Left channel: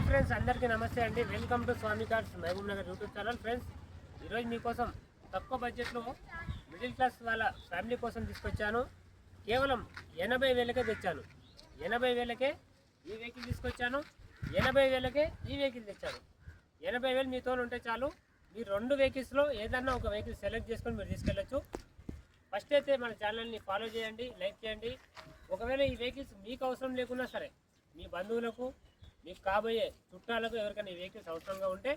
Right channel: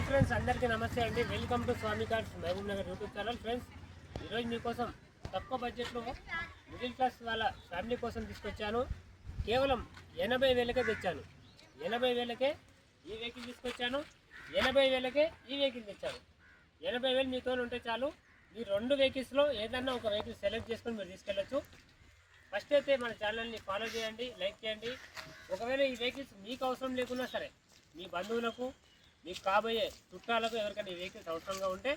Hi friends, అందరికీ నమస్తే అండి. Welcome to Swami cars Mahabubnagar YouTube channel. Friends, ఈరోజు మీకోసం తక్కువ బడ్జెట్లో మిడిల్ క్లాస్ వాళ్ళ ఫ్యామిలీ కోసం తీసుకొచ్చాను. కేవలం 80,000కే తెచ్చాను. 80,000కే ఈ వెహికల్ తీసుకొచ్చాను. 80,000కే ఈ వెహికల్ తెచ్చాను. 80,000 మీతో ఉంటే చాలు. మీరు రెండు వెహికల్స్లో ఏదన్నా ఒక వెహికల్ సెలెక్ట్ చేసుకొని మీరు తీసుకెళ్ళచ్చు. ఫస్ట్ అయితే మన ఛానల్ని ఫాలో చేయండి, లైక్ చేయండి. ఒకవేళ ఈ వెహికల్స్ మీకు అవసరం లేకున్నా సరే, మీ బంధువులకు, మీకు కాబోయే చుట్టాలకు ఎవరికైనా ఈ వెహికల్స్ అవసరంగా ఉంటే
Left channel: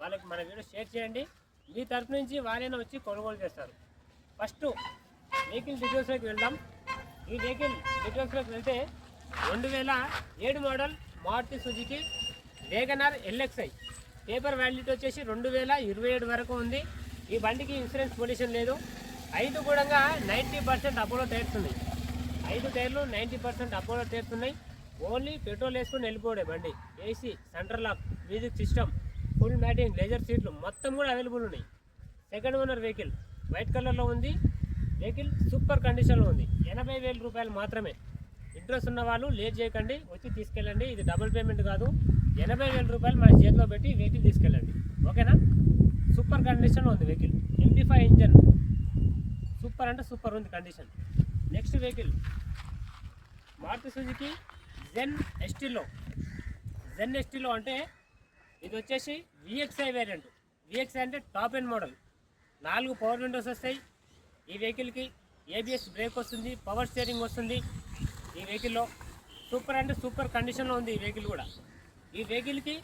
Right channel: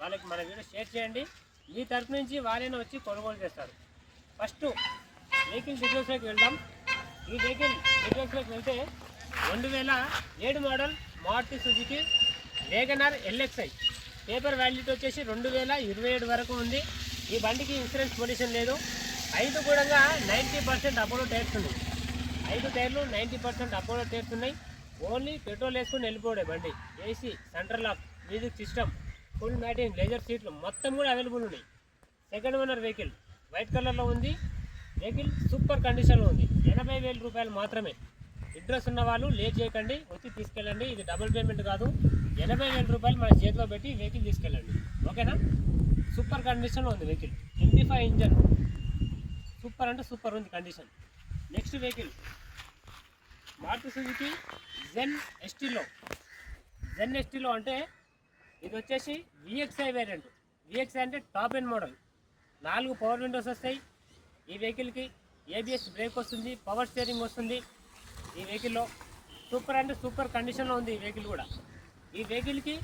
వాళ్ళకి మన వీడియో షేర్ చేయండి. మీ తరఫు నుంచి వాళ్ళైనా వచ్చి కొనుగోలు చేస్తారు. ఫస్ట్ వెహికల్ డీటెయిల్స్లోకి వెళ్దాం. ఈ వెహికల్ డీటెయిల్స్లోకి వెళ్తే 2007 model Maruti Suzuki WagonR LXi. Paper validity వచ్చేసి 2027 వరకు ఉంది. ఈ బండికి ఇన్సూరెన్స్ పొల్యూషన్ లేదు. 5 కూడా 90% అపోలో టైర్స్ ఉన్నాయి. 5 టైర్లు 90% అపోలో టైర్స్ ఉన్నాయి. ఓన్లీ పెట్రోల్ వేసుకొని వెళ్ళిపోవడే బండి. AC, central lock, music system, full matting, leather సీట్లు మొత్తం కూడా అవైలబుల్ ఉన్నాయి. సెకండ్ ఓనర్ వెహికల్ వైట్ కలర్లో ఉంది. వెహికల్ సూపర్ కండిషన్లో ఉంది. 80,000 రూపాయలు మాత్రమే. ఇంట్రెస్ట్ ఉన్న వాళ్ళు లేట్ చేయకండి, వచ్చి తీసుకెళ్ళండి. ఇది డబుల్ పేమెంట్ కాదు. 80,000 రూపాయలు మన చేతిలో పెట్టి వెహికల్ తీసుకెళ్ళండి. ఓకేనా? సూపర్ కండిషన్లో ఉంది వెహికల్. MT5 ఇంజన్ సూపర్ అంటే సూపర్ ఉంది condition. Next vehicle Maruti Suzuki Zen ఎస్టీలో అంటే ఇది వచ్చేసి VXi వేరియంట్. VXi అంటే top end model. 4 power windows వస్తాయి. ఈ వెహికల్కి ABS బ్రేక్ వస్తుంది, పవర్ స్టీరింగ్ వస్తుంది. ఈ వెహికల్లో సూపర్ అంటే సూపర్ కండిషన్లో ఉంది ఈ వెహికల్ కూడా. ఈ వెహికల్కి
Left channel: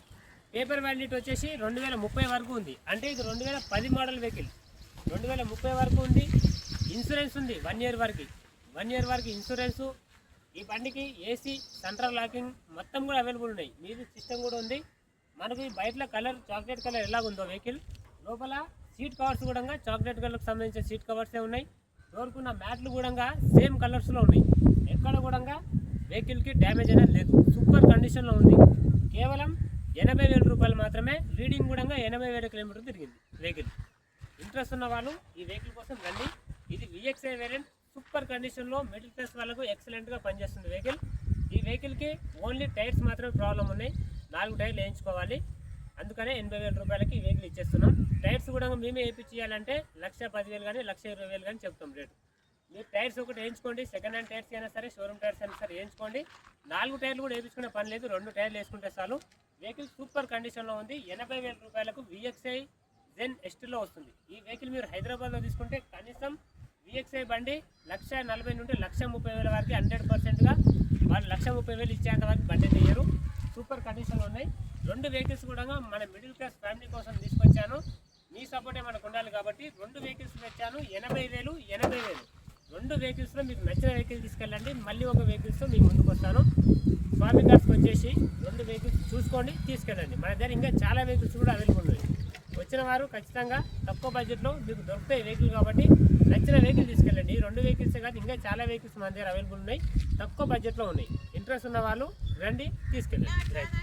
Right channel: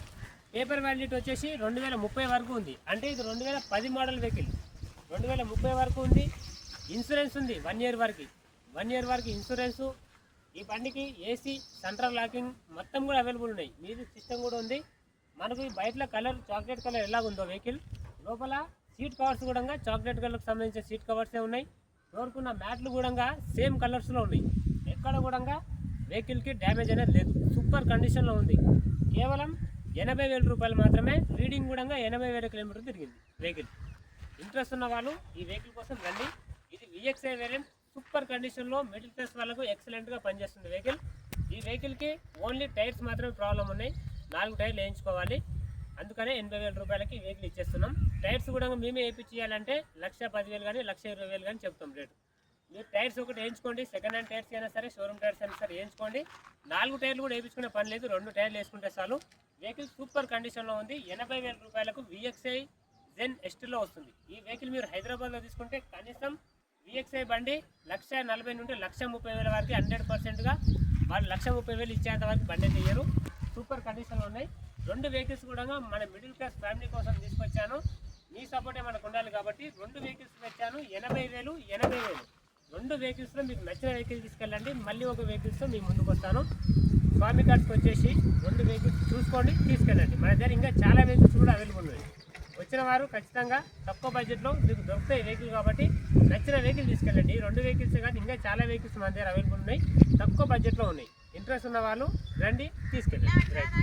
పేపర్ వ్యాలిడిటీ వచ్చేసి 2030 వరకు ఉంది. అంటే ఇది 2010 మోడల్ వెహికల్. 2030 వరకు ఉంది. ఇన్సూరెన్స్ ఉంది 1 ఇయర్ వరకు. 1 ఇయర్ వరకు ఇన్సూరెన్సు. ఈ బండికి ఏసీ, సెంట్రల్ లాకింగ్ మొత్తం కూడా అవైలబుల్ ఉన్నాయి. మ్యూజిక్ సిస్టమ్ కూడా ఉంది. మనకు ఈ బయటలో కలర్ చాక్లెట్ కలర్ ఎలాగుందో వెహికల్, లోపల సీట్ కవర్స్ కూడా చాక్లెట్ కలర్కి సంబంధించిన సీట్ కవర్సే ఉన్నాయి. డోర్కున్న మ్యాట్లు కూడా సేమ్ కలర్స్లో ఉన్నాయి. ఎక్కడ కూడా వెహికల్కి డ్యామేజ్ అనేది లేదు. సూపర్ కండిషన్లో ఉంది. కేవలం 80,000 రూపాయలు మాత్రమే. రీడింగ్ కూడా 80,000 కిలోమీటర్లు తిరిగింది వెహికల్. ఇంట్రెస్ట్ ఉన్న వాళ్ళు ఈ వెహికల్ కోసం రండి. ఇది VXi వేరియంట్. సూపర్ కండిషన్లో మిడిల్ క్లాస్ వాళ్ళకు ఎక్సలెంట్గా పనిచేస్తుంది వెహికల్. ఈ వెహికల్కి ఓన్లీ టైర్స్ మాత్రమే ప్రాబ్లం ఉన్నాయి. 4 టైర్లు వేయించుకోవాలి. అందుకనే 80,000 రూపాయలకి ఈ వెహికల్ ఇచ్చేస్తున్నాం. టైర్స్ కూడా మేమే వేయించేయాలంటే 1,10,000 కానీ 1,20,000 కానీ చెప్తాం రేటు. మీరు టైర్స్ ఒకటి వేయించుకోండి. సెకండ్ హ్యాండ్ టైర్స్ అయినా సరే, షోరూమ్ టైర్స్ అయినా సరే వేయించుకోండి. 4 టైర్లు కూడా వేయించుకునే పని లేదు. 2 టైర్లు వేసుకుంటే చాలు. వెహికల్ సూపర్ కండిషన్లో ఉంది. 80,000 రూపాయలకు VXi జెన్ ఎస్టీలో వస్తుంది. ఈ వెహికల్ మీరు హైదరాబాద్లో తీసుకుంటే కనీసం VXi బండి 1,40,000 నుండి 1,30,000 వరకు 100%గా వాళ్ళు 1,30,000 ఇచ్చేంత వరకు బండి తీయరు. సూపర్ కండిషన్లో ఉన్నాయి. 2 వెహికల్స్ కూడా మన మిడిల్ క్లాస్ ఫ్యామిలీ కోసం తీసుకొచ్చాను. మీ సపోర్టే మనకు ఉండాలి కాబట్టి 2 వెహికల్స్ తెచ్చాను. 80,000, 80,000. 2 వెహికల్స్లో మీకు నచ్చిన వెహికల్ తీసుకెళ్ళండి. మళ్ళీ ఒక వెహికల్స్తో మీ ముందుకు వస్తాను. స్వామి కార్స్కి వచ్చేసి 2 వెహికల్స్ చూసుకోండి, తీసుకెళ్ళండి. మన దగ్గర ఇంకా చాలా వెహికల్స్ కూడా అవైలబుల్ ఉన్నాయి. వచ్చిన వారు ఖచ్చితంగా తక్కువ బడ్జెట్లో మీకు దొరుకుతాయి వెహికల్ కాబట్టి నచ్చిన వెహికల్ తీసుకెళ్ళండి. 2 వెహికల్స్ కానీ ఇంకా చాలా వెహికల్స్ మన దగ్గర అవైలబుల్ ఉన్నాయి. తక్కువ బడ్జెట్లో ఉన్నాయి. ఇంట్రెస్ట్ ఉన్న వాళ్ళు రండి, తీసుకెళ్ళండి. రైట్.